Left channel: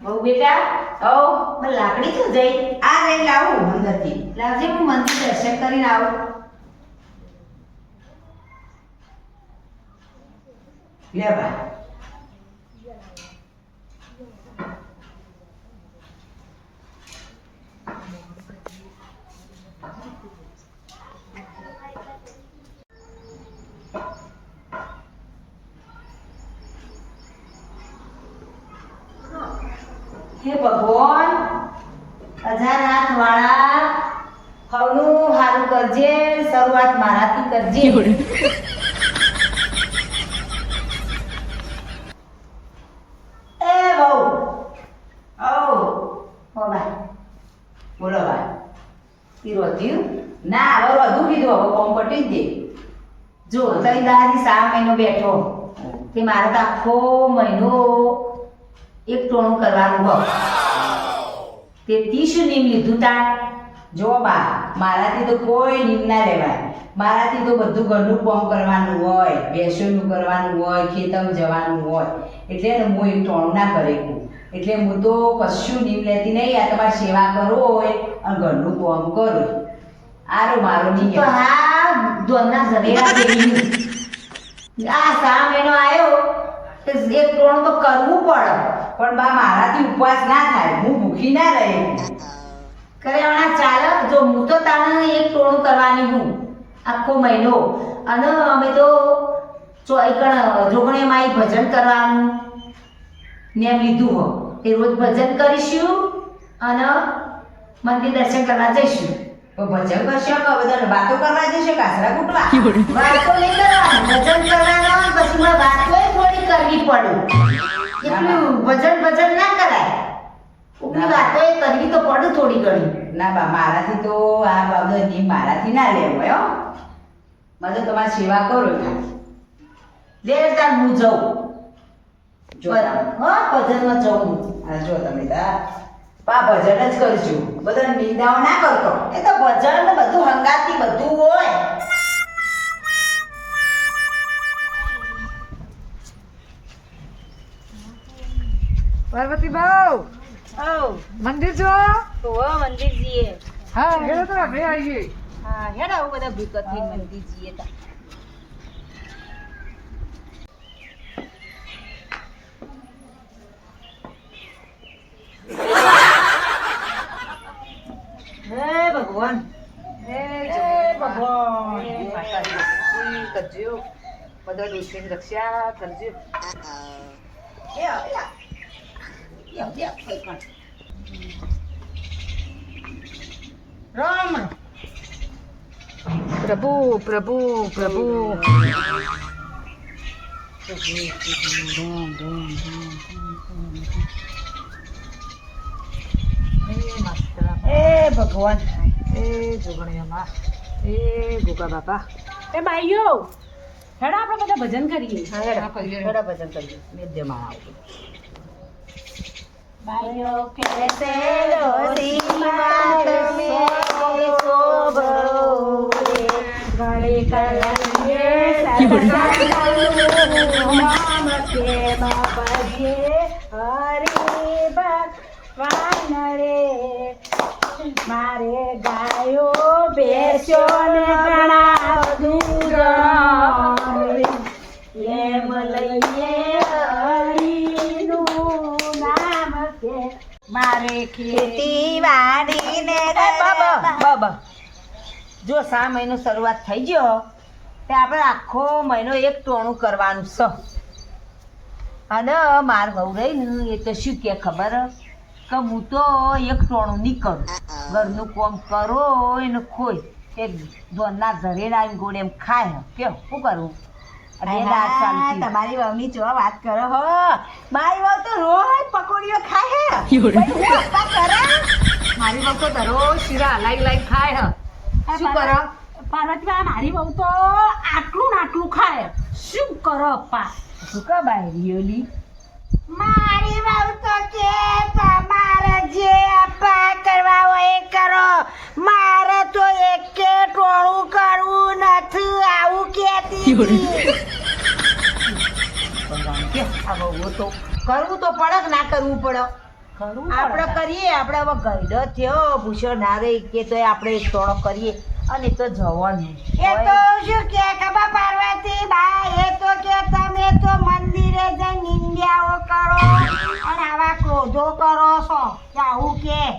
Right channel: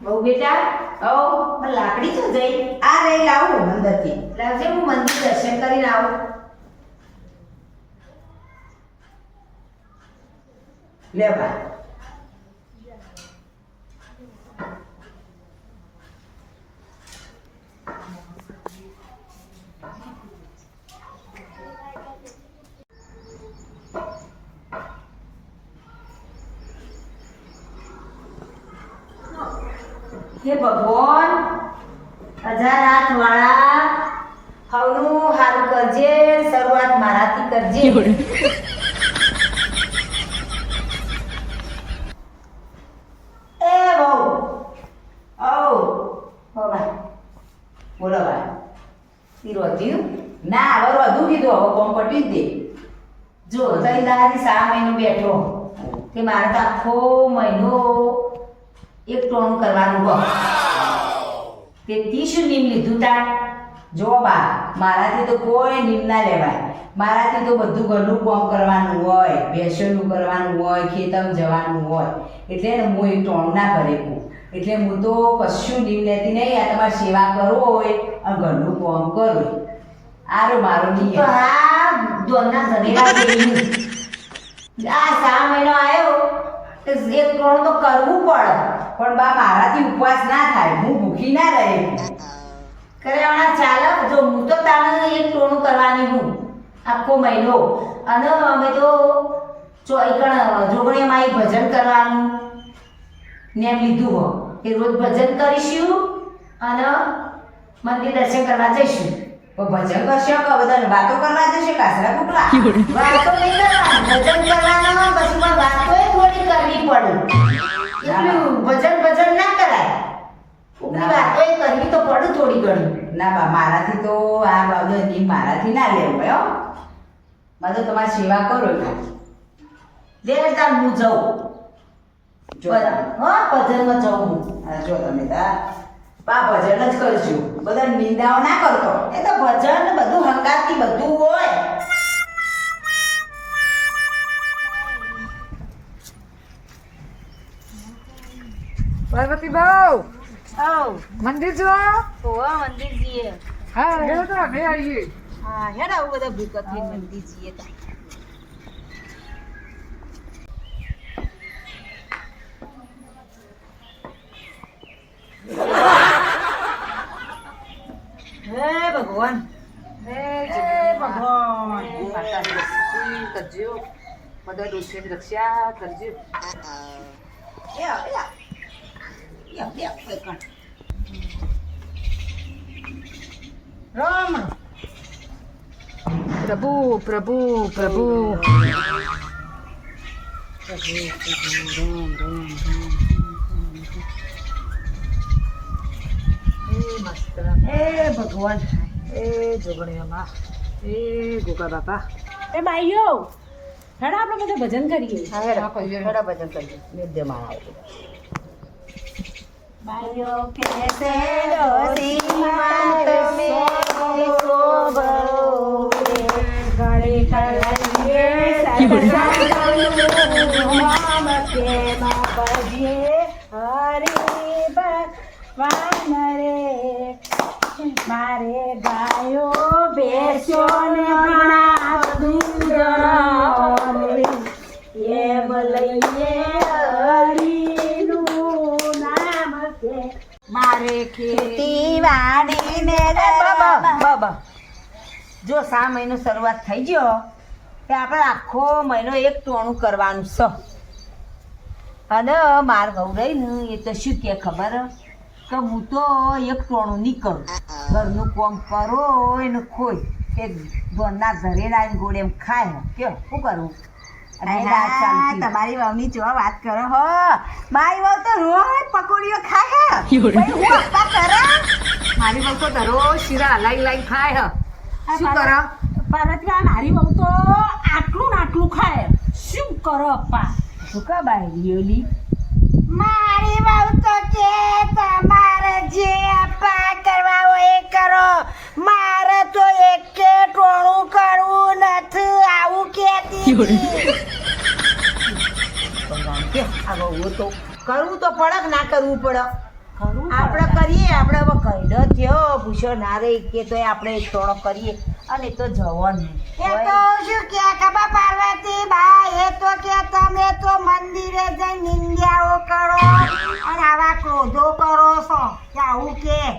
બહુ બેટા ઓ લાકડી તો જઈ આ રે લાવું અંદરથી. લાવજે હું મંદિર દર્શન કરીને આવું. લે બા. હે ભગવાન 1000 હાથ વાળા હવનું હારું કરજે શરૂઆત મારાથી કરજે. એ બહુ ઓ હો ભાઈ બોલો બા. પીરો થયું ના હવે વધુ કીધું હવે કોમ પટી જ દે. જો તઈ દાદી 3 મહિનો બેઠો તે મારે તો આખો મહિનો એક ટોણું કરવાનું હોય તે 30 નીમ લીધું તાર. જો બા મારાથી તો કોઈ નીમ ના લેવાય. મારાથી તો બધું ઘરનું કામ કરવાનું હોય, ભેંસોનું કરવાનું હોય, ખેતરમાં જવાનું હોય, એટલે ને હું એક ટોણું ના કરે કહું. એટલે હું તો કશું નીમ લેતી નહીં. આ તમારે સેવા કરવો હોય અને ઘરનું કામ કરો આરો મારો તો નિયમ. હા દોરના ઘરેડા જેવી આ 3 મહિનો આવ્યો તો એક ટોણું તો કરવું પડે. પણ બા મારાથી ઉપવાસ ના થાય, હું ભૂખી ના રહે. કર્યાવાના ચાલક જો હું તો તાણે એક ટોણું કરવાની હું આખો મહિનો. અને અમે તો જોગણીમાં એક ભજન કરવાનું નેમ લીધું હો એ રોજ ભજન કરીશું અને મંદિર દર્શન કરવા જઈશું. તો ભજન કરશે કે બધા વાતો કરવા જશે કાસરા કૂટવા? વાતો નહીં કરવાની ભજન કરવાના પછી મારે વાતો થોડી કરવી પડે. એટલું ભજન ના કરાય. ઉપરી વાતો કરવી તો પડે થોડી ઘણી. ના બા મારાથી તો આ બાબત નીમ મારાથી ના લેવું હો. બધું તમારી સેવા કરો ખાલી. લે તાર હું જાઉં જો હા ભજનમાં જાઉં હું. હા જો તમે તાર બા ભજન જ કરજો. બધા નિંદાઓ ના કરતો. એ તો ભજન ને બધું હંગાતી બધું હોય. પાર્વતી બહુ ઓ મંદિર જો મંદિર જઈએ. હા હેડો તો આપણે આવીએ. હા હેડ આવું બધા ભૂત થઈ મંદિર જઈએ તા. હે ભગવાન હે ભગવાન. હે માતાજી કરજો બધા ડોસીની રક્ષા કરજો. રામ પ્રભુ પ્રભુ પ્રભુ હે ભગવાન. એ જોગણીઓમાં એ ગોગા બાપા એ બાઈઓ હેડ આપણે બધા ભજન કરીએ. હા હેડો કરીએ. થોડા ભજન કરજો. નિત્ય માળાઓ. બાઈઓ કેસે ડોસી માત મે શોભો ઘડી કરીએ નામ કે બાપજીએ હરી ભગવાન રે મારે ગાયો બેસ્યો ને ઘણા ડુંગર એમ લઈએ હરીનું નામ કે મારે ખેતી વાડીને બાબા જો 3 મહિનો શરૂઆત થઈ ગયો તે આપણે આખો મહિનો એક ટોણું કરવાનું છે. અને માર વહુ રહી ને એ તો શું કે ખબર કે હું તો એક ટોણું નહીં કરું. ઘરનું કામ કરો એને ખોઈ તે દોરના ઘરે આવીને ગોળે એમ ખાય કેવું શું કરવું? તમારી વહુની જો વાત કરો હો. મારી વહુ તો રોજ પકોડીઓ ખાય હે. મારી વહુ તો દરરોજ શીરા હલાઈ લાઈ ખાય શું કરો? પાર્વતીબા મારી વહુ તો આટલું ને આટલું ખાય. શું કરો અપ્પા? શું કા બાય રિયલી? મારી વહુ તો કે તમારે જે અપ્પા કરવા હોય એ કરો. મારે તો એકે ટોળું કરવું નથી આવું કેતી. આ વહુ તો કરવું તો પડે કે ના કરવું પડે? આપણે કરીએ, આપણે હવે કઈડો થયો ભૂસો ના રહી કે તો આપણે એક ટોણો કરીએ અને તો જવાનું એ તો શું કે ખબર પાર્વતી બા, એ તો કે તમે તો મંદિરે જઈને નિંદ્યાઓ કરો અને આવા ક્રોધો કરો છો કે આવું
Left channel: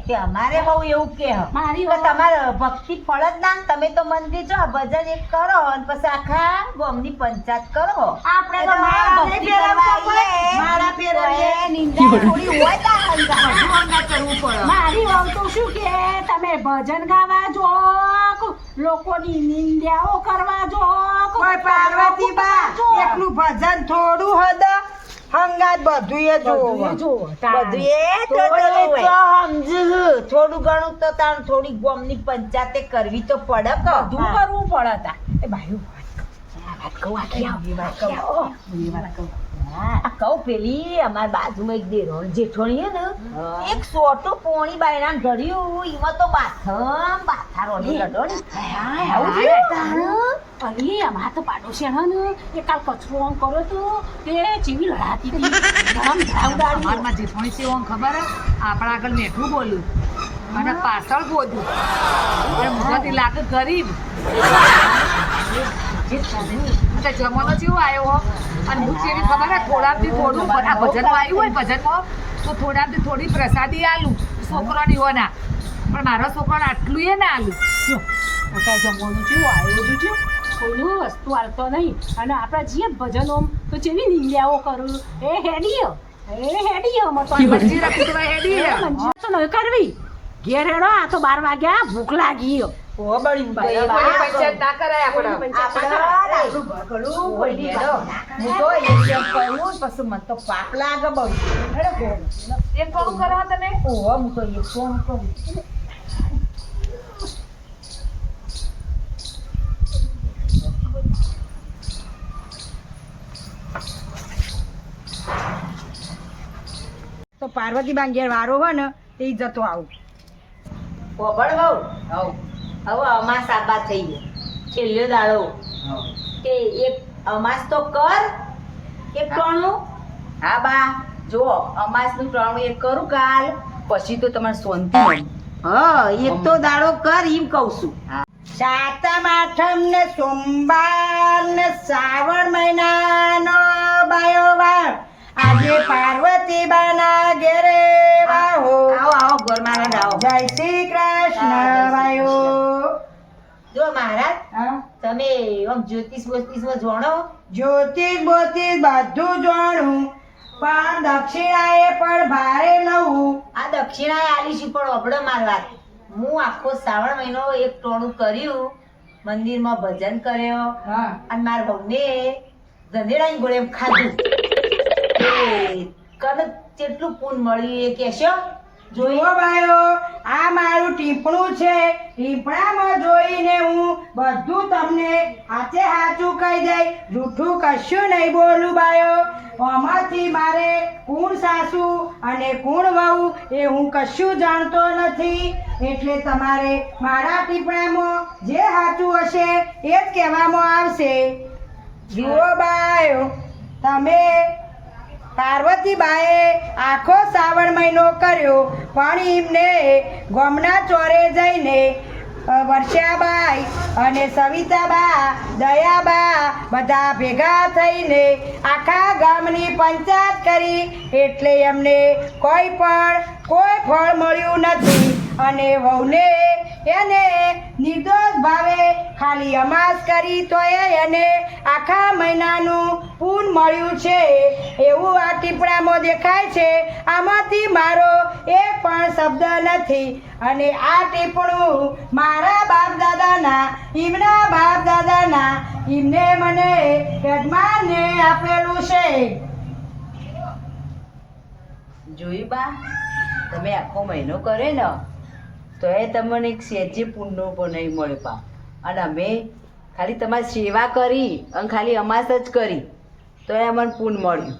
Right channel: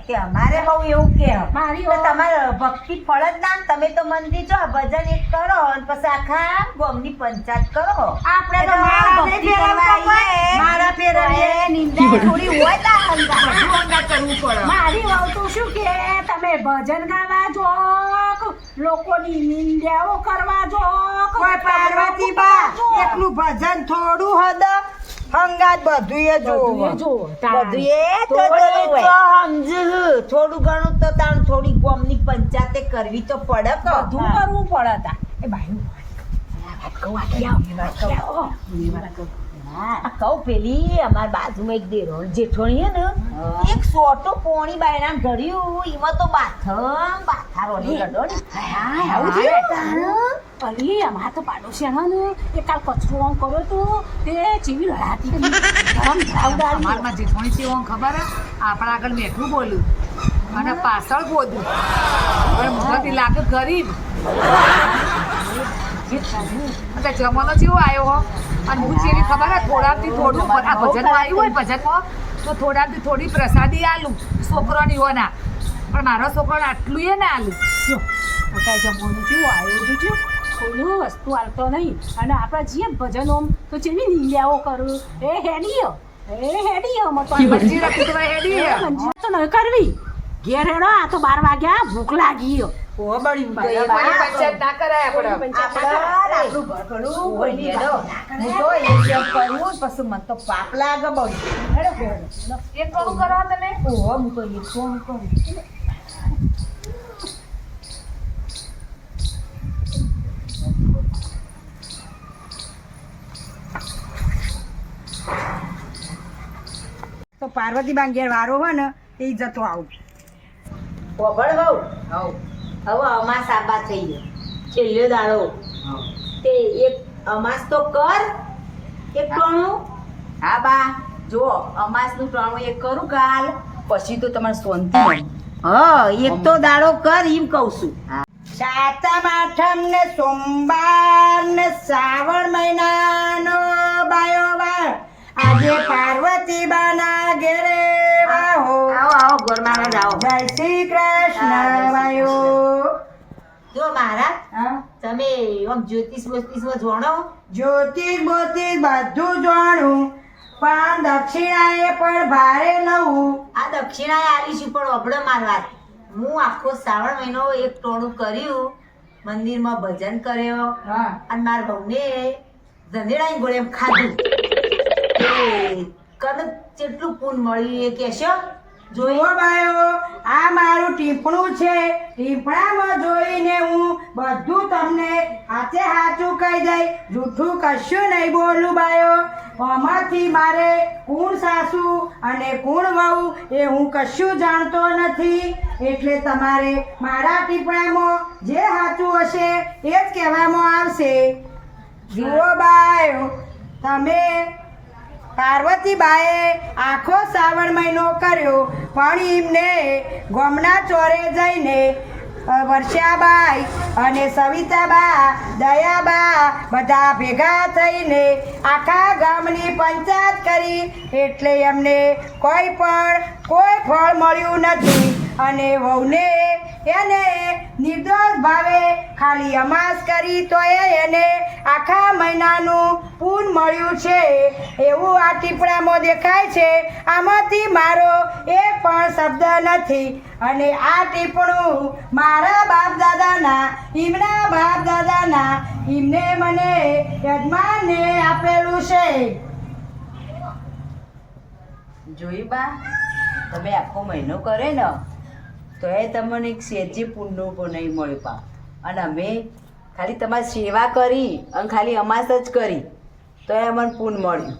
કે અમારે બહુ એવું કે મારી તો તમારે ભક્તિ ફળ જ ના ને. તમે તો મંદિર જો ભજન એક કરો અને પછી આખા ગામની પંચાયત કરો. આપણે તો મારા ભક્તિ કરવા આવીએ, મારા ફેરવીએ નિંદા થોડી હોય ને બધું અંગા કરવું પડે. મારી વહુ તો શું કે તમે ભજન ગાવા જો, લોકોની નિંદ્યાઓ કરવા જો. કોઈ પાર્વતી બા એકલું ભજન થોડું હદ હંગાત બધું એ જોવો બધું એ તો સમજુ થોડું ઘણું તો તાણ થોડી ગામની પંચાયતે કરવી તો પડે કે બધું કરવું પડે તા. એ ભાઈ કહું પેલી અમારી બાજુમાં એક દેરોણ જેઠોણી હે ને, એક સોટો પોણી બાયણા ઘડ્યું એમાં તો બાથારો લડો ને. આવું થયું? અલી અમારા તો પાડોશી ને એ કાલ કચરો આમ કર્યો તો તે ચીવી લડાતી હતી. અમારમાં જેઠોણી છે એવું ખબર હે? આપણા આગળ મેઠું બોલ્યું અને પાછળ બોલ્યું અને મોઢાથી લાગે ગરીબ. અને જમાનો જેવો આવ્યો હો અને હું જેવી ખબર હે થોડાથી થોડું આ ભજનમાં આવ્યું હોય ભજનમાં તો થોડાથી થોડી પ્રસાદી આલું છોકરાની હો ના, પણ મારો છોકરાને આટલું એ ના આલું. જમવાનું કેવું આવ્યું હતું, કોઈનું વસ્તુ હાલતો નહીં અને આપણા જે ભજનો તો જેવી નિંદ્યાઓ કરું એ હેડીયો મંજી રાખી તો હેડી હે. તો નહીં કરવી. ઘેર હેડો, આ તો 12 વાગ્યા, ભૂખ લાગી. કોઈની પંચાયત ના કરાય આપણે. હું તો એક જેમ કરું પછી મને તો પાપ લાગે બહુ. એક કોણ કરો તમે? ઓહો હું તો એક કોણ કરું. તો પાર્વતી બા ઘેર વારો હોય ને તે જતો આવું. પોપડ બહુ હવે અમાસ આબા થઈ ગયો છેલ્લો દાડો તે એક અમાસ તો કર એક ટોણું. હા બા જો અમાસનું ટોણું એક કરું કાલ પછી તો તમારે શાંતિ નહીં. હા એક તો દાડો કર એમ કહું છું. સાતમ આઠમ ને સોમવાર ને શ્રાવણ મહિનાનો બાયો વાર આજે પાર્વતી બાના ઘેરે વાહો. આવો આવો ગોરમાના જાઓ. જય શ્રી કૃષ્ણ વાયો. જો મહારાજ તમે આમ જ્યોતિષ બોતિષમાં જાણો? જ્યોતિષ બોતિષ બધું જાણું પણ દક્ષિણાએ પણ ભારે લઉં. આ દક્ષિણાએ આલીશું પણ અબડો માર વાત. હું આખો શ્રાવણ મહિનો એક ટોણું કર્યું, મંદિરમાં ભજન કર્યો અને મારા બહુને ધંધેડાની ગોળે એમ ખાધું. કનક કેટલું પૂન મળ્યું એ કહેશો? જોયો બાયો, આ મારું ટીપણું છે. ટીપણામાં જોઈને હું બધું તમને હાચે હાચું કહી દઈ, જૂઠું કશું નહીં બોલું બાયો. આમાંથી મારે કોણ સાસુ અને કોણ વહુ એ હું કશું જાણતો નથી. એટલે તમારે મારા ટીપણામાં જે સાચું હશે એ જ કહેવામાં આવશે. જુઓ બાયો, તમે પાર્વતીબાએ આખો શ્રાવણ મહિનો કર્યો પણ એમને ગામના ચોરે જઈને વર્ષાબાઈ અને સવિતાબા દયાબા બધા ભેગા થઈને આખા ગામની પંચાયત કરી એટલે એમને કોઈ ફળ મળ્યું નથી. અને વહુને એને નિર્દોષ ભાવે ખાલી અમાસ કરી તો એને આખા મહિનાનું પૂન મળ્યું છે એવું આ ટીપણામાં દેખાય છે. આમાંથી મારો એક પણ શબ્દ નથી. અને આ ટીપણું મારા બાપ દાદાના એમના બાપ દાદાના એમને મને યજમાનને આપેલું છે. જોઈ બા, તમે આખો મહિનો કરે ને તો એ તમને એક સેજે પુણ્ય પણ નહીં મળે પા. અને અમે ખાલી તમારી સેવા કરી અને ખાલી અમાસ જ કરી તો એ અમને પુણ્ય મળ્યું.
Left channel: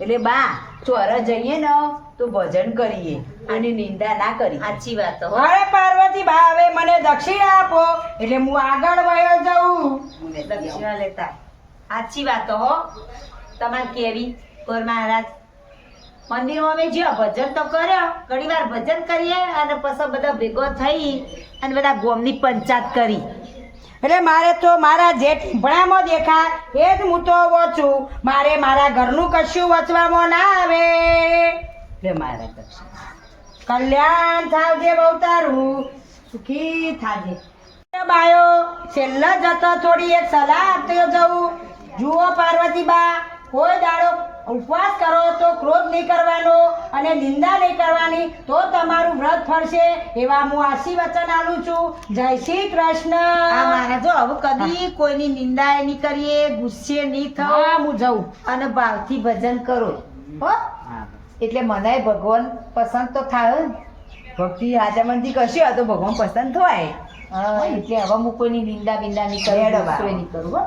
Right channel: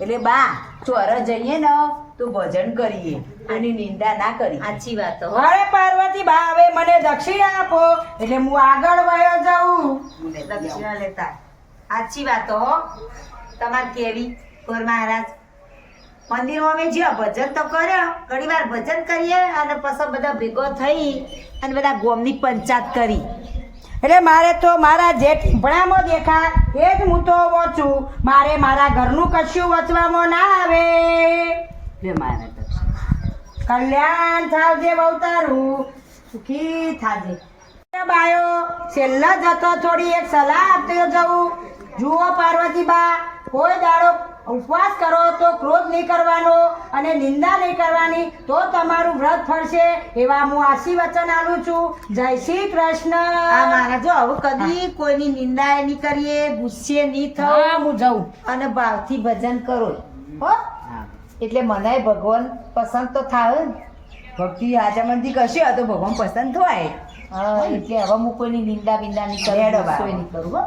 એટલે બા ચોર જઈએ ને તો ભજન કરીએ, એની નિંદા ના કરી. સાચી વાત હો. અરે પાર્વતી બા, હવે મને દક્ષિણા આપો એટલે હું આગળ વયો જાઉં. દક્ષિણા લેતા સાચી વાત હો તમારે કેવી કોર મહારાજ. મંદિરમાં અમે જ્યાં ભજન તો કર્યો ઘણી વાર ભજન કરીએ અને પછી બધા ભેગો થઈ અને બધા ગોમની પંચાયત કરી. એટલે મારે તો મારા જે ટીંભણામાં દેખાય એ જ હું તો વોચું. મારે મારા ઘરનું કશું વચવામાં ના આવે. લે મારા કરશે. કલ્યાણ થાવજે બહુ તારું, સુખી થાજે. બાયો છેલ્લા જતો થોડી એક સલાહ આપતો જવું. જુઓ પાર્વતીબા, કોઈ દાડો ઉપવાસ કરો તો ક્રોધ નહીં કરવાનો અને નિંદા નહીં કરવાની, તો તમારું વ્રત ફળશે એવા હું આશીર્વચન આલું છું. જય શ્રી કૃષ્ણ. આ મારા જો હવે કદી કોઈની નિંદા નહીં કરીએ, ગુસ્સે નહીં હા, થવું હું જાઉં. અને ભાવથી ભજન કરો હો. એટલે મને ભગવાન પસંદ તો થાય જ. ભક્તિ હાજામંદી કશે તો ભગવાન પસંદ થાય. એટલે હવે હું કોઈની નિંદા બિંદા નહીં કરું, ગુસ્સો નહીં કરું હો.